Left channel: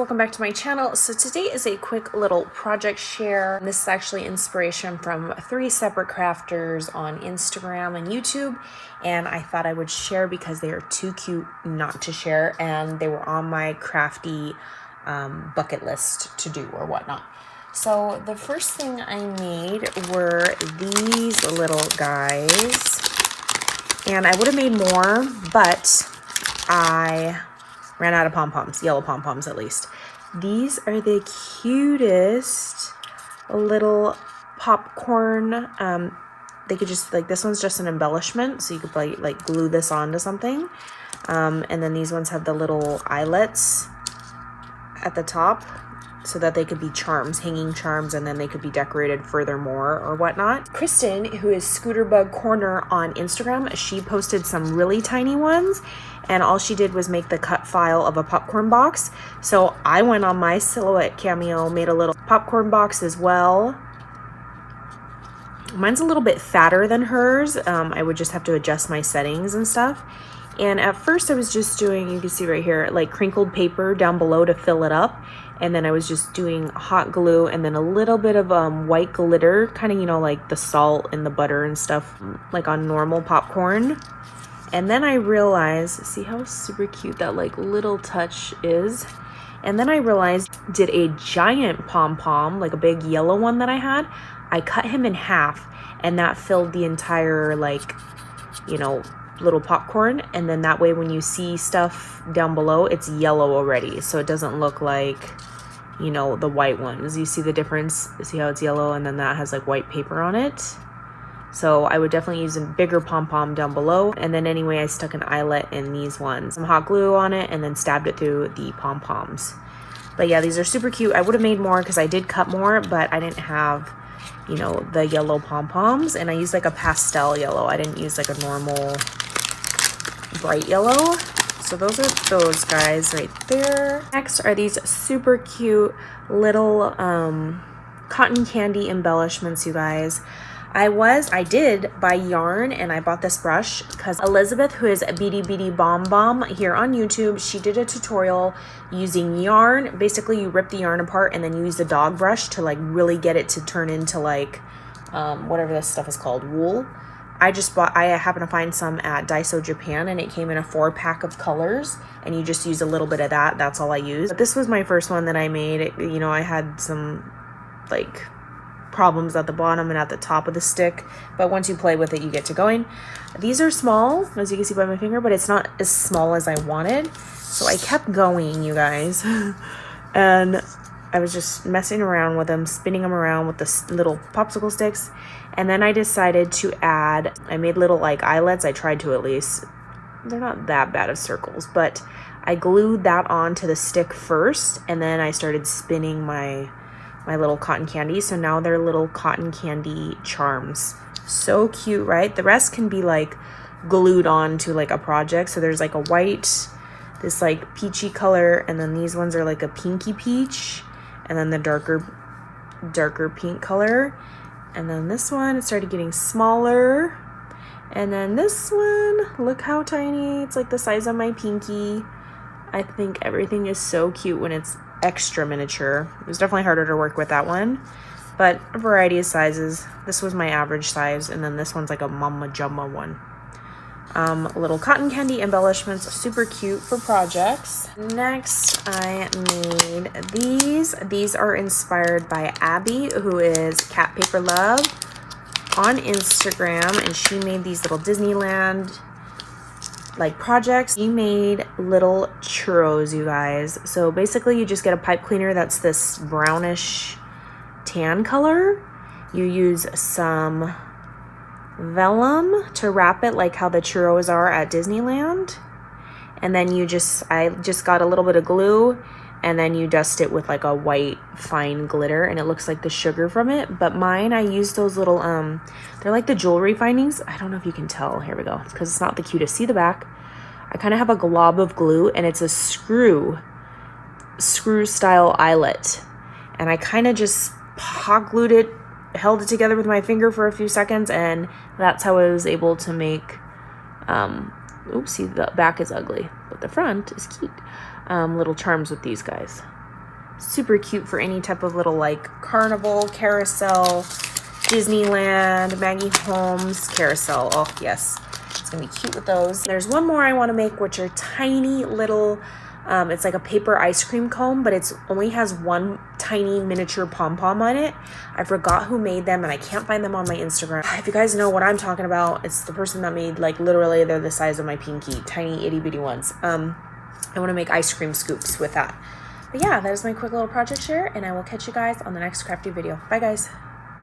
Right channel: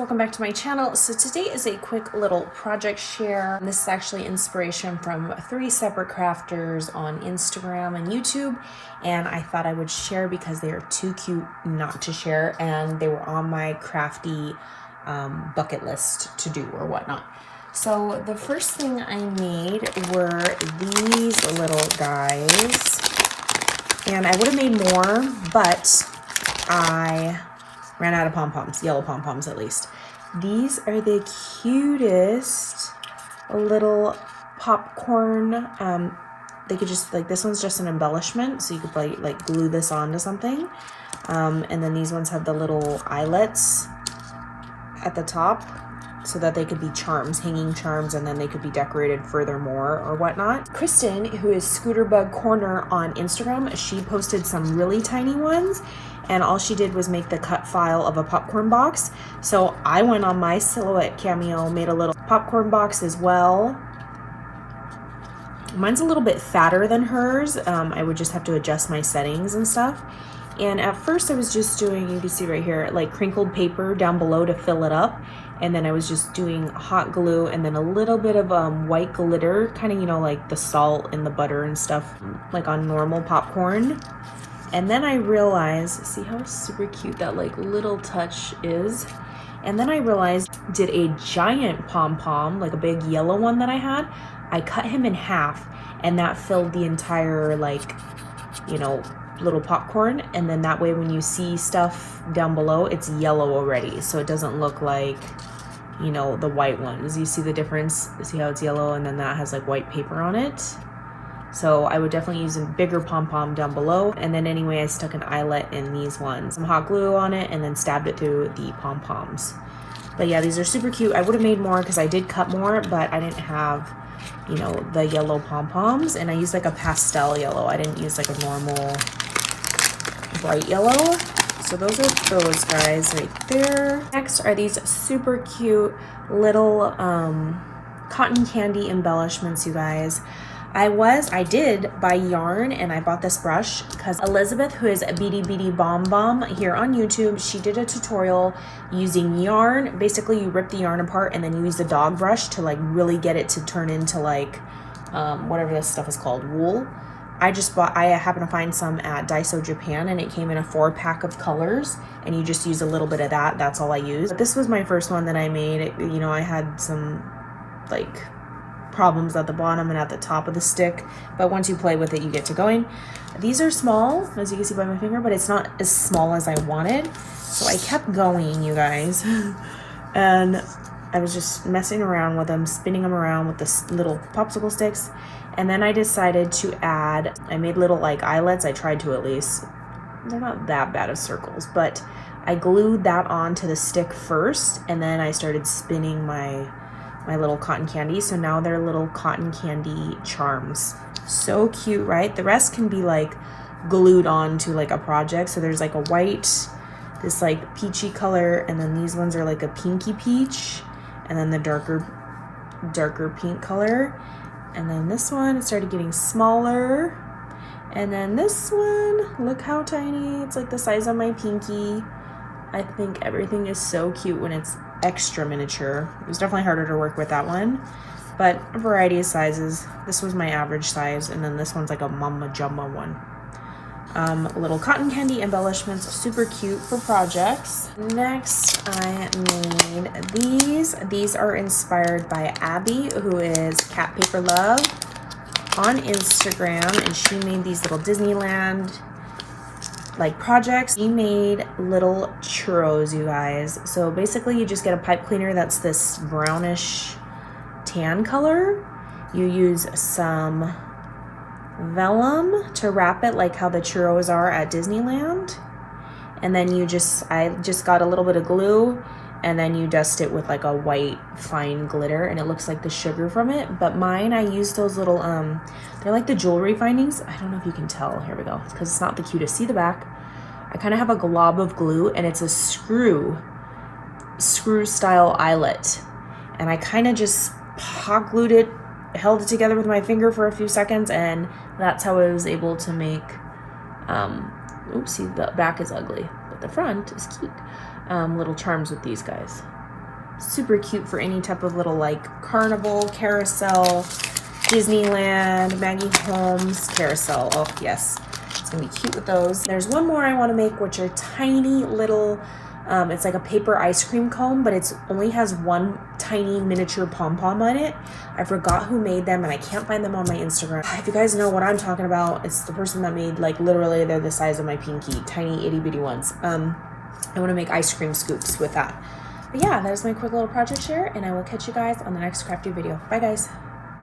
welcome back to my channel. So today is a quick little project share. This is actually inspiration from 3 separate crafters on Instagram and YouTube, and I thought I would share because they are too cute not to share, and they were on my crafty bucket list to do or whatnot. So the first thing I made were these little guys, and I would have made more, but I ran out of pom-poms, yellow pom-poms at least. These are the cutest little popcorn. They could just, like, this one's just an embellishment, so you could like glue this onto something. And then these ones have the little eyelets at the top so that they could be charms, hanging charms, and then they could be decorated furthermore or whatnot. Kristen, who is Scooterbug Corner on Instagram, she posted some really tiny ones, and all she did was make the cut file of a popcorn box. So I went on my Silhouette Cameo, made a little popcorn box as well. Mine's a little bit fatter than hers. I would just have to adjust my settings and stuff. And at first I was just doing, you can see right here, like crinkled paper down below to fill it up. And then I was just doing hot glue and then a little bit of white glitter, kind of, you know, like the salt and the butter and stuff, like on normal popcorn. And then I realized, see how super cute that like little touch is? And then I realized, did a giant pom-pom, like a big yellow one that I had, I cut him in half, and that filled the entire, like, you know, little popcorn. And then that way when you see stuff down below, it's yellow already, so it doesn't look like, you know, the white ones. You see the difference? See how it's yellow and then that has like white paper on it? So I would definitely use a bigger pom-pom down below. And then anyway, I stuck an eyelet in these ones, some hot glue on it, and then stabbed it through the pom-poms. But yeah, these are super cute. I would have made more because I did cut more, but I didn't have, you know, the yellow pom-poms, and I used like a pastel yellow. I didn't use like a normal bright yellow. So those are those guys right there. Next are these super cute little cotton candy embellishments, you guys. I did buy yarn, and I bought this brush because Elizabeth, who is Beady Beady Bomb Bomb here on YouTube, she did a tutorial using yarn. Basically, you rip the yarn apart and then you use the dog brush to like really get it to turn into like whatever this stuff is called, wool. I happened to find some at Daiso Japan, and it came in a 4-pack of colors, and you just use a little bit of that. That's all I used. But this was my first one that I made. You know, I had some like problems at the bottom and at the top of the stick, but once you play with it, you get to going. These are small, as you can see by my finger, but it's not as small as I wanted, so I kept going, you guys. And I was just messing around with them, spinning them around with the little popsicle sticks. And then I decided to add, I made little like eyelets. I tried to, at least. They're not that bad of circles, but I glued that onto the stick first, and then I started spinning my little cotton candy. So now they're little cotton candy charms. So cute, right? The rest can be like glued on to like a project. So there's like a white, this like peachy color, and then these ones are like a pinky peach, and then the darker pink color. And then this one, it started getting smaller. And then this one, look how tiny. It's like the size of my pinky. I think everything is so cute when it's extra miniature. It was definitely harder to work with that one, but a variety of sizes. This was my average size, and then this one's like a Mama Jumma one. Little cotton candy embellishments, super cute for projects. Next, I made these. These are inspired by Abby, who is Cat Paper Love on Instagram, and she made these little Disneyland like projects. She made little churros, you guys. So basically you just get a pipe cleaner that's this brownish tan color. You use some vellum to wrap it like how the churros are at Disneyland, and then I just got a little bit of glue, and then you dust it with like a white fine glitter, and it looks like the sugar from it. But mine, I used those little they're like the jewelry findings. I don't know if you can tell. Here we go, because it's not the cutest. See the back? I kind of have a glob of glue, and it's a screw style eyelet, and I kind of just hot glued it, held it together with my finger for a few seconds, and that's how I was able to make oopsie, the back is ugly, but the front is cute. Little charms with these guys. super cute for any type of little like carnival, carousel, Disneyland, Maggie Holmes, carousel. Oh yes, it's gonna be cute with those. There's one more I want to make, which are tiny little, it's like a paper ice cream cone, but it's only has one tiny miniature pom-pom on it. I forgot who made them and I can't find them on my Instagram. If you guys know what I'm talking about, it's the person that made, like, literally they're the size of my pinky, tiny itty bitty ones. I want to make ice cream scoops with that. But yeah, that is my quick little project share, and I will catch you guys on the next crafty video. Bye guys.